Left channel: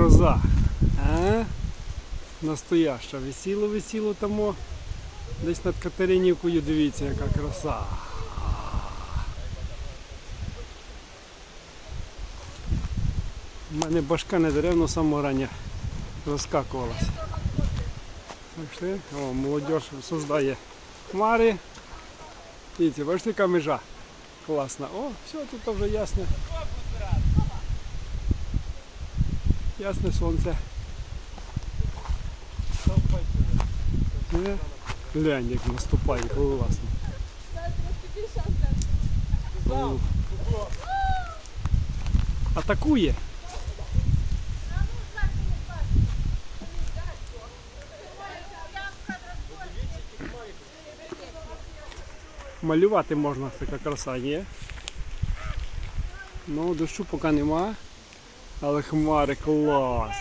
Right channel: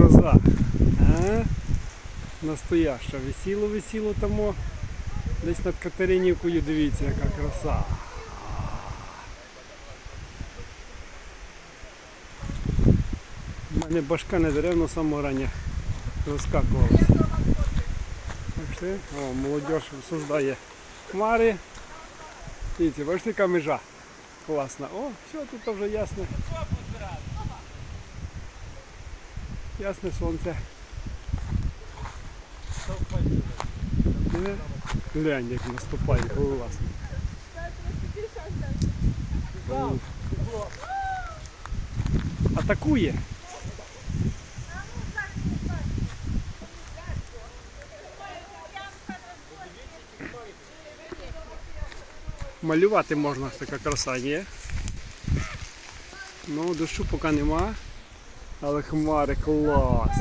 гроза. А? Настояща. Висіло, висіло тому. Десь над Катеринівкою, дивіться, яка краса. У мене башка не деревно самого рання розкакувалася. Бачите? О, молодь создає хмари. Дивіться, бачите, яка межа. Класна. О, все, тут вже ясне. Ясне сонце. Глянь, як наступає, класно. О. Атакує. Малювати можна така краса є. Ну, дощу поки нема. Але хмари клас.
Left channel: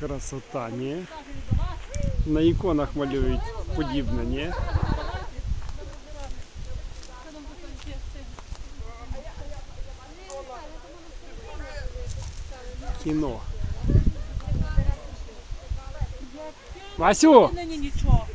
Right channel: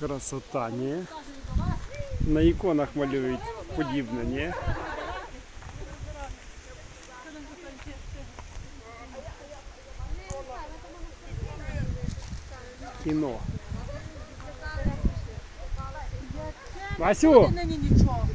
Красота, ні? На іконах малюють подібне, ні? Кіно. Васю, Нині нічого.